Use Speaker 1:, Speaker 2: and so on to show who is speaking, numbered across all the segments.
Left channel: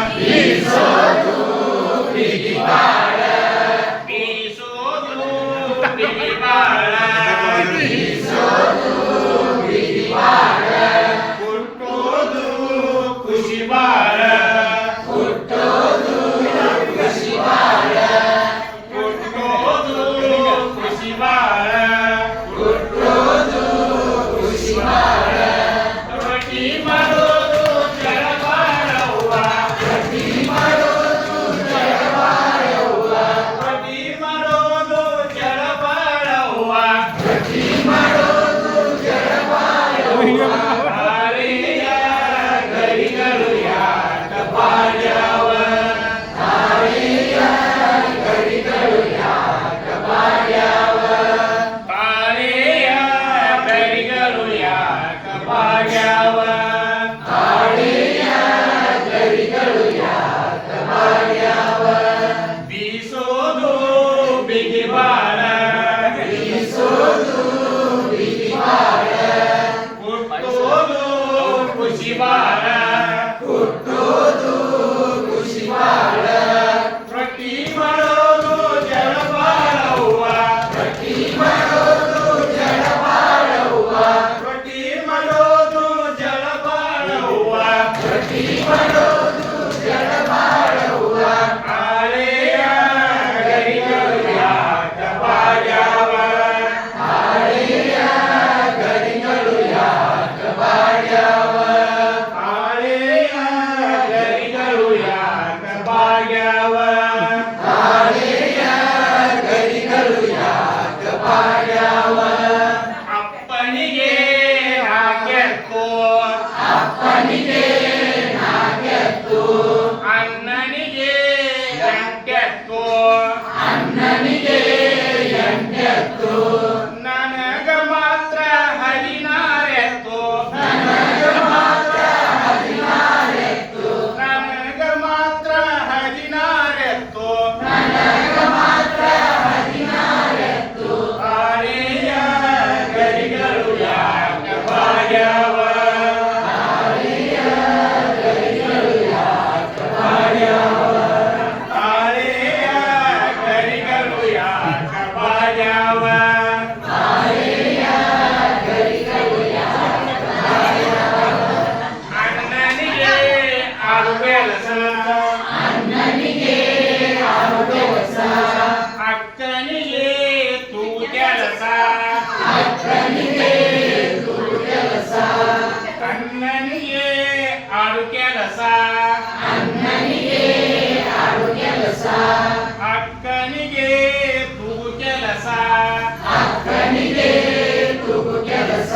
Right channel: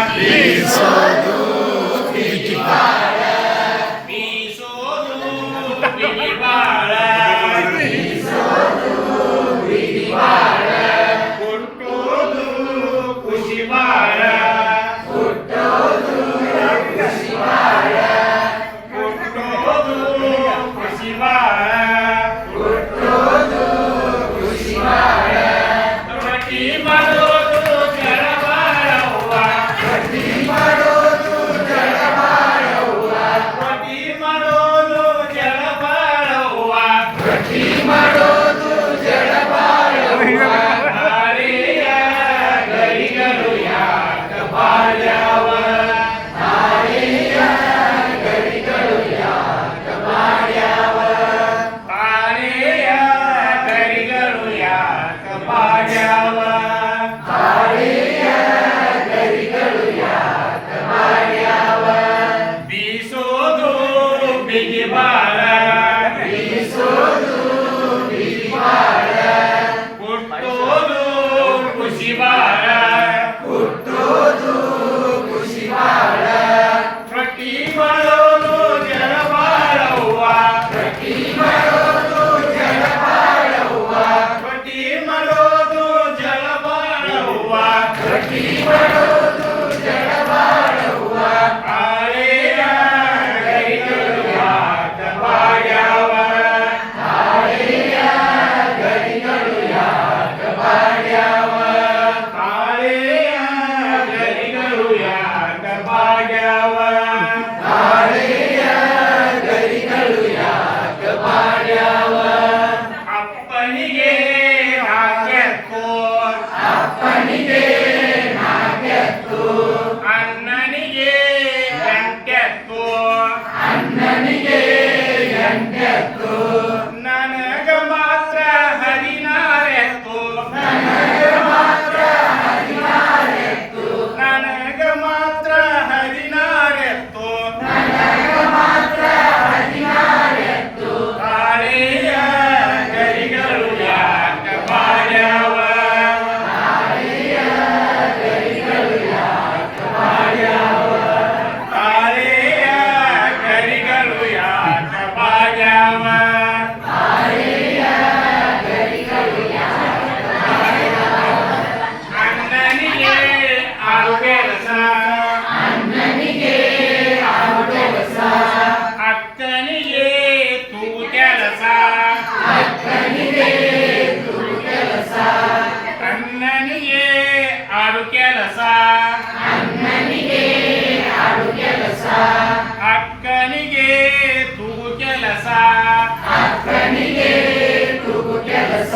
Speaker 1: Aviso! ಮಾಡ್ಯಾವ ಗಾಳಿಯ
Speaker 2: ಗರಿಗಳು ಯಾಕ ಮಾಡ್ಯಾವ
Speaker 1: ಬೀಸೋದು ಬಿಗಿ aquí para ರಸ
Speaker 2: ಕೆಲಸ
Speaker 1: ಅಕ್ಕನಿಗೆ ತುಗು ಕೆಲಸ
Speaker 2: ಅಕ್ಕನಿಗೆ ಕೆಲಸ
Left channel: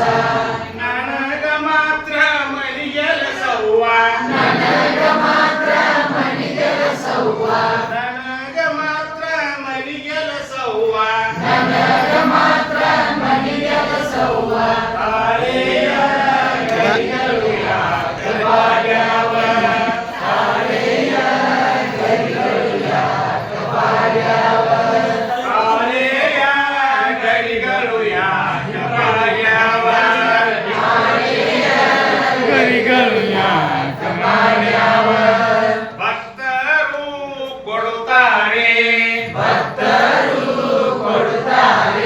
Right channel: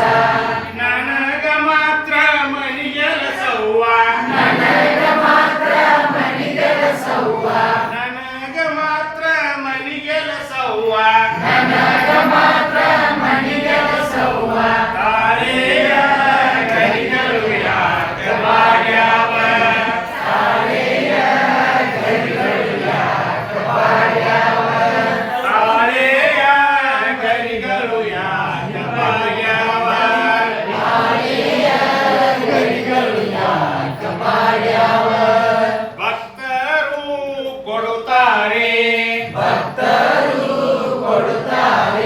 Speaker 1: करूया भक्तरू कोडतारे भक्तरू
Speaker 2: कोडतारे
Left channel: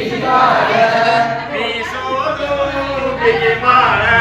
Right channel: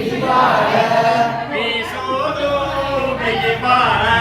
Speaker 2: Big
Speaker 1: Mara.